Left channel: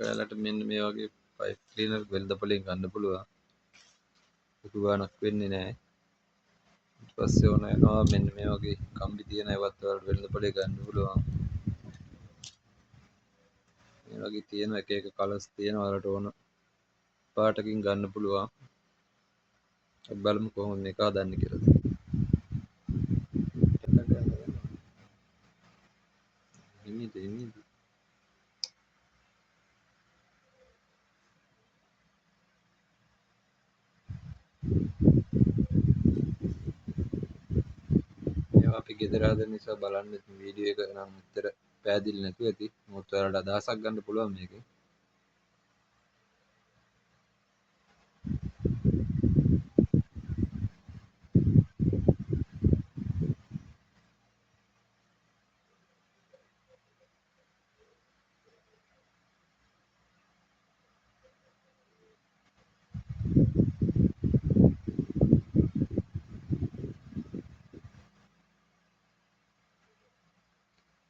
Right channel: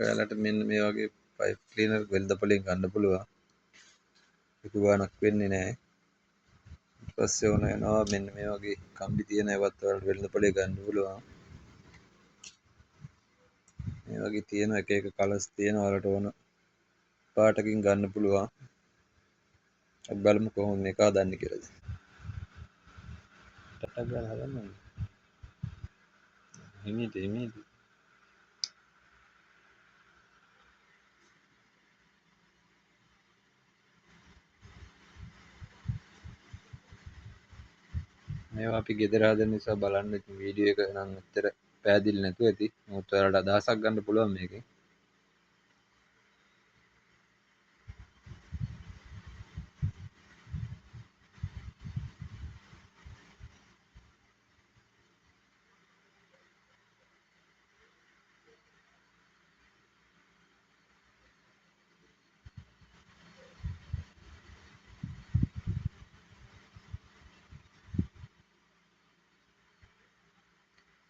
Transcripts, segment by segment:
ඔයාලට මෙන්න මේ වගේ පයිප් ක්ලීනර් වෙළඳපොලෙන් ගන්න පුළුවන්. ලොකු ගාණක් වෙන්නේ නැහැ. ඊට පස්සේ ඕන වෙනවා මෙන්න මේ වගේ කම්බි තියෙන ඒවත් ඔයාලට වෙළඳපොලේ ගන්න පුළුවන්. මේ වගේ තියෙන එක එක කලර්ස් තියෙන ඔයාලට ඕන පාටකින් ගන්න පුළුවන්. අපි බලමු කොහොමද මේක හදන්නේ කියලා. ටටක් ගාලා හදන්න ඕනේ. හිමීට මේවා අපි ගෙදර හදන නිසා බලන්න ඉතින් වීඩියෝ එක නම් ඇත්තට පැහැදිලි නැතුව ඇති. මොකද ඔයාලට අදහසක් ගන්න පුළුවන් මේකෙන්.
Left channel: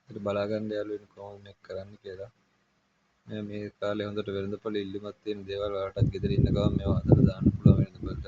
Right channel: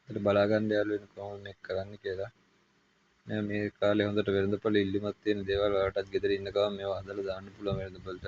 ඒකට බලා ගන්න යාළුවනේ කොහොමද මේක කරන්නේ කියලා. මේ කාලේ හොඳට වෙළඳපොළ ඉල්ලුමක් තියෙන දේවල් ඔයාලටත් ගෙදර ඉන්න ගමන් මේවා හදලා දාන්න පුළුවන් වෙළඳපොළට.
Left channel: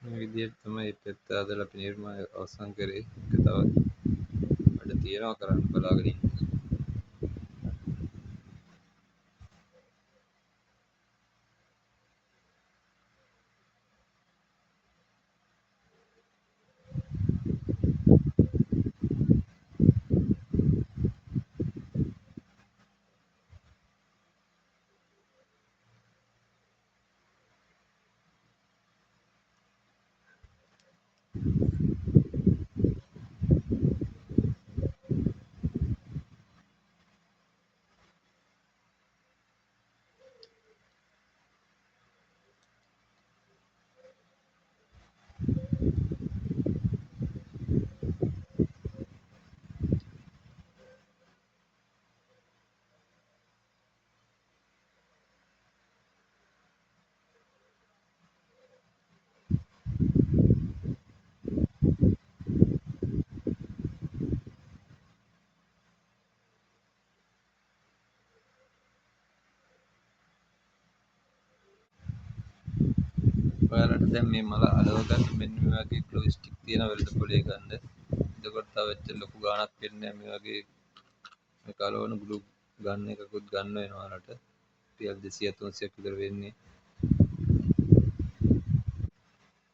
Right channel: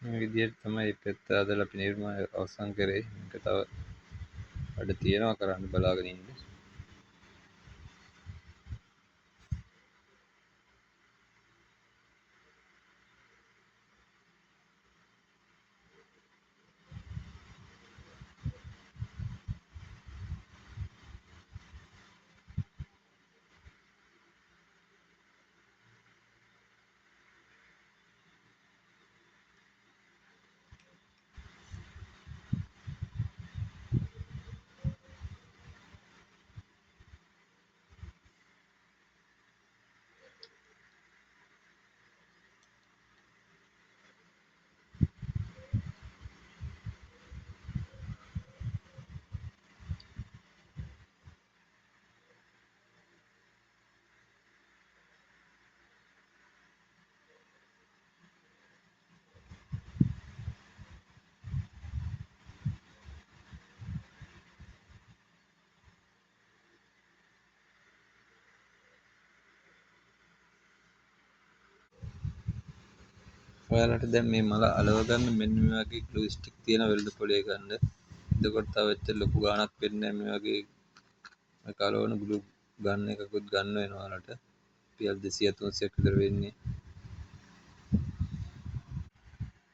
මේ විදිහට තමයි පෙත්ත හදලා අපි නිර්මාණය අවසන් කරේ. ඒක තව වැඩ තියෙනවා කරන්න බලාගෙන ඉන්න. ඔයාලට දැන් මේ මල අලව ගන්න මෙන්න මේ වගේ ග්ලූ ස්ටික් තියෙන වෙළඳපොලේ ගන්න. එතකොට තව එච්චර ලොකු ගාණක් වෙන්නේ නැහැ. මේ වගේ මේ කලවන ග්ලූ ගන්න එකකුත් ගන්න වෙනවා ඔයාලට. රුපියල් 200 300ක් විතර වෙන්නේ.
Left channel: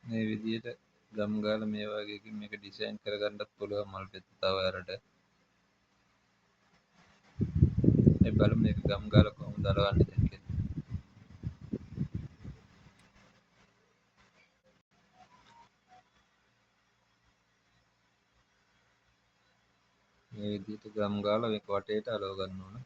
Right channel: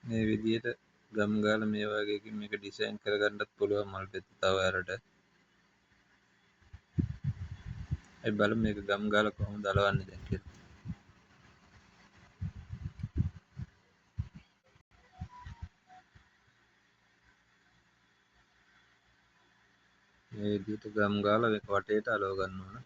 මේ විදිහට ගම් ගාලා මේ වගේකින් මේක ඩිසයින් කරගන්නත් පුළුවන් මල් පෙත්ත තව ඔයාලට. අපි බලමු මේක ගම් ගාලා කොහොමද අලවන්නේ දැන් කියලා. මේ විදිහට ගම් ගාලා මේක වටේට අලව ගන්න ඕන.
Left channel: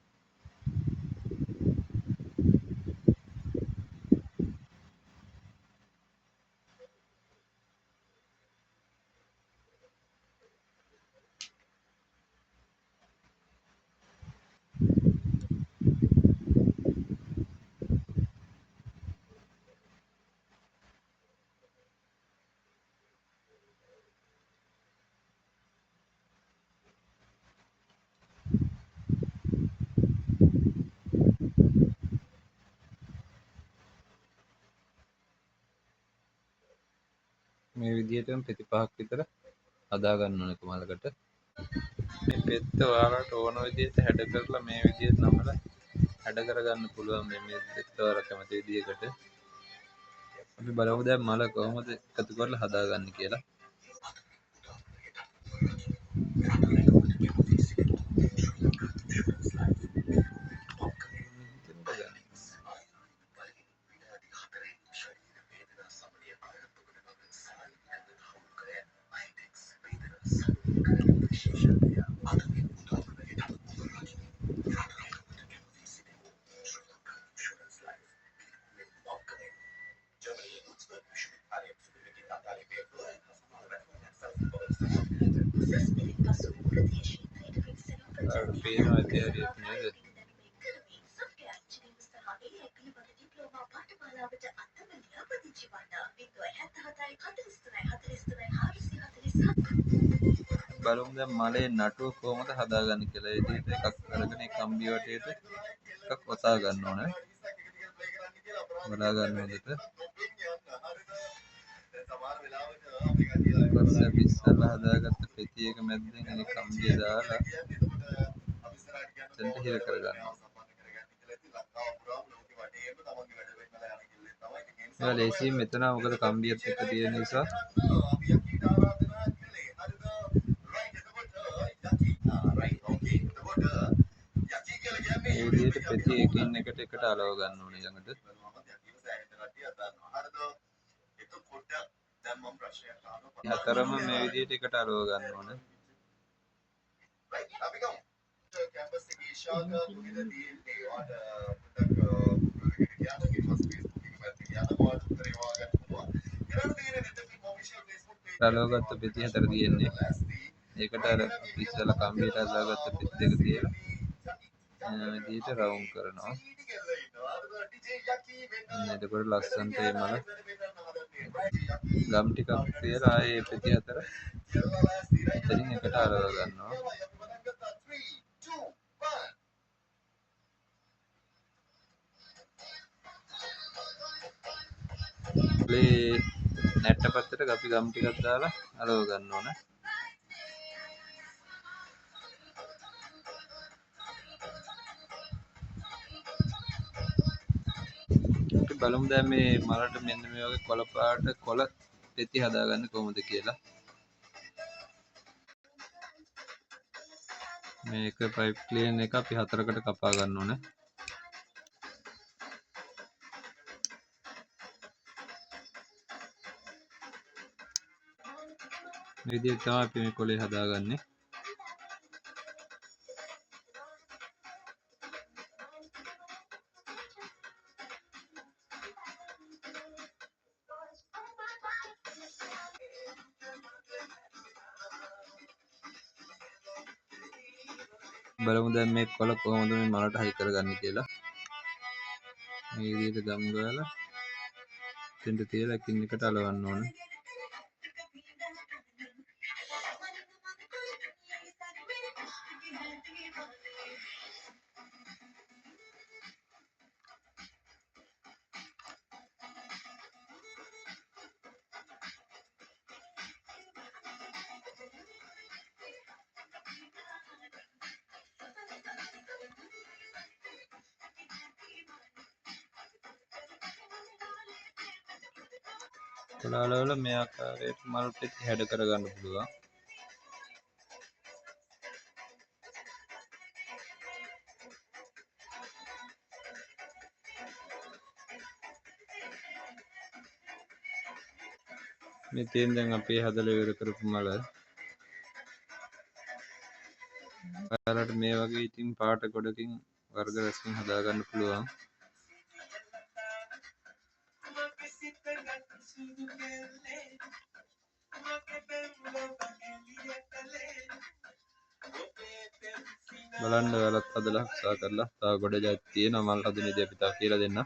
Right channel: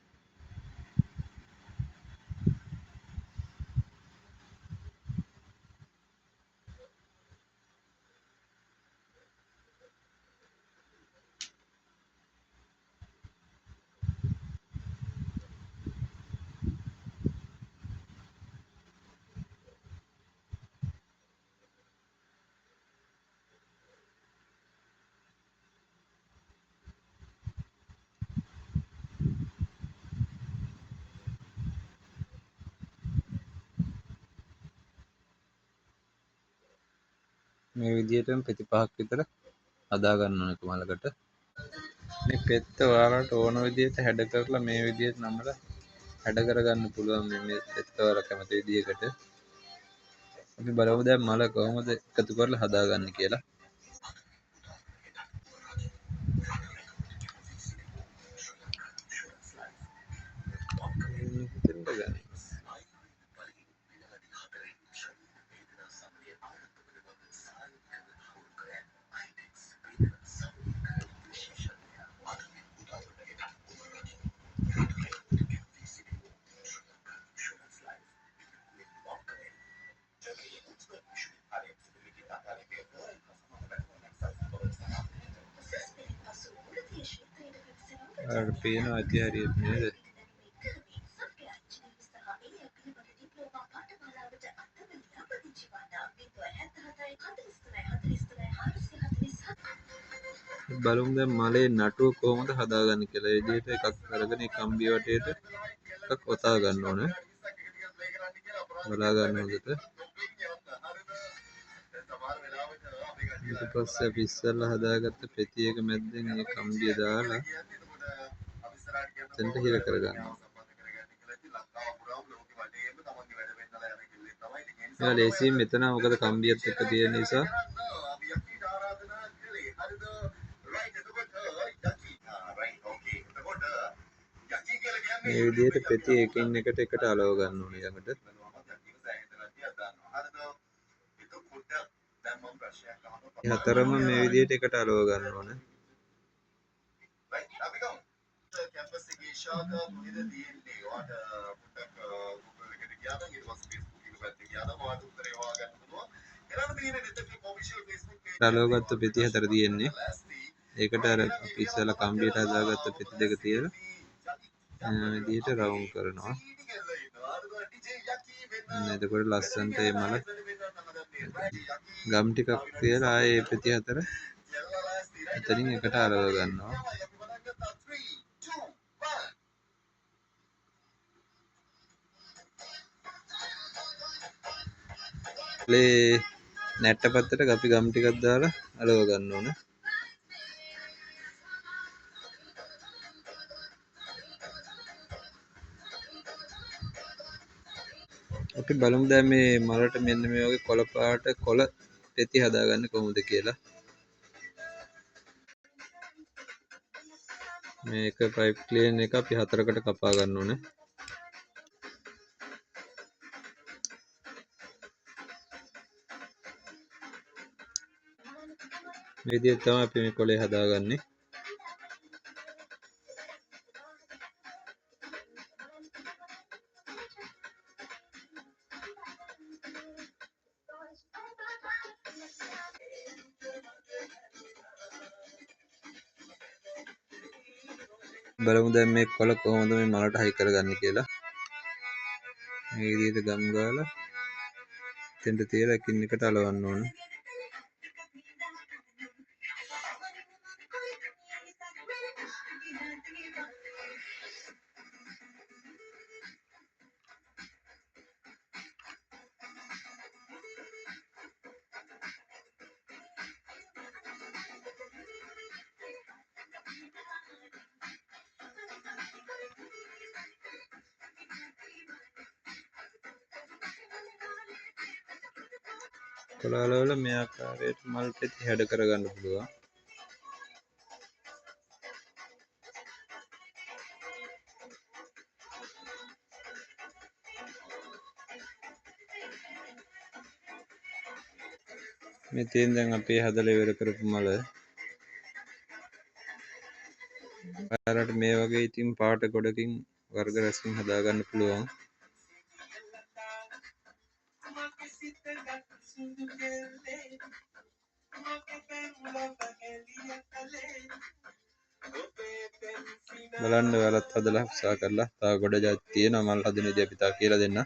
මේ විදිහටම පෙති පහක් විතර හදා ගන්න ඕන එක මලකට. මේ පෙත්ත ඔයාලට ඕන විදිහට හැඩ කරලා මේ විදිහට නමලා හැඩ කරගන්න පුළුවන් මේ පෙත්ත ඔයාලා කැමති විදිහකට. අපි බලමු දැන් මල කොහොමද එකතු කරලා හදාගන්නේ කියලා. ඔයාලට පේනවා ඇති හරියට නේද? බලමු දැන් මලේ නටුව කොහොමද හදාගන්නේ කියලා. ඒ විදිහට එකක් අරගෙන ඒ කම්බිය වටේට එකක් ඔතා ගන්න ඕනේ. බලා ගන්න හොඳට. පස්සේ අපි ඉස්සෙල්ලා හදාගත්ත පෙති එක මැද්දෙන් මේ කම්බිය දාලා එතනට හිර කරගන්නවා. එයා ලේසියෙන් මෙතන මොකද කම්බියත් එක්ක තියෙන නිසා මේ විදිහට පෙති එකින් එකට එකට අලව ගන්න ඕනේ ළඟට. හතරම මේ විදිහට එකට අලව ගන්න ඕනේ. අලවගත්ත පෙති හතර තියෙන්නේ. ඒකට අර අපි ඉස්සෙල්ලා කම්බියට හදාගත්ත පෙති දෙක තියලා විදිහට රවුම් කරනවා. එතකොට ලස්සනට මේ මල ගම් ටිකක් තියලා ආයේ පෙති හතර එතනින් එකට අලව ගන්නවා. මේ නැට්ට පැත්තට අපි ගම් ටිකක් දාලා අලව ගන්න ඕනේ. අපි බලමු දැන් මේ මලට මෙන්න මේ වගේ කොළ පාට කොළ පෙති හදාගන්නේ කොහොමද කියලා. මේක පයිප් ක්ලීන් එක අපි හතරකට කපා ගන්න ඕනේ. මේ විදිහට තමයි අපි මේ කොළේ හදාගන්නේ. බලමු දැන් මේ කොළ කොහොමද මේ මලට හයි කරගන්නේ කියලා. මේ විදිහට ගම් ගාලා එතෙන්ට තියලා එකින් එකට අලවන්න ඕනේ. කොළාලවල මේ ආකාරයට මල් පෙති හැඩ කරගන්න පුළුවන්. මේ තියෙන දැන් අපි හදලා ඉවර කරපු මල. ඔයාලට මේ වගේ ඉතින් පාට ගොඩකින් වර්ග රැසකින් හදාගන්න පුළුවන්. බලන්න ඔයාලත් හදලා උත්සාහ කරලා තව ගොඩ ජාති තියෙනවා මල් හදන විදිහ අපි තව කියලා දෙන්න.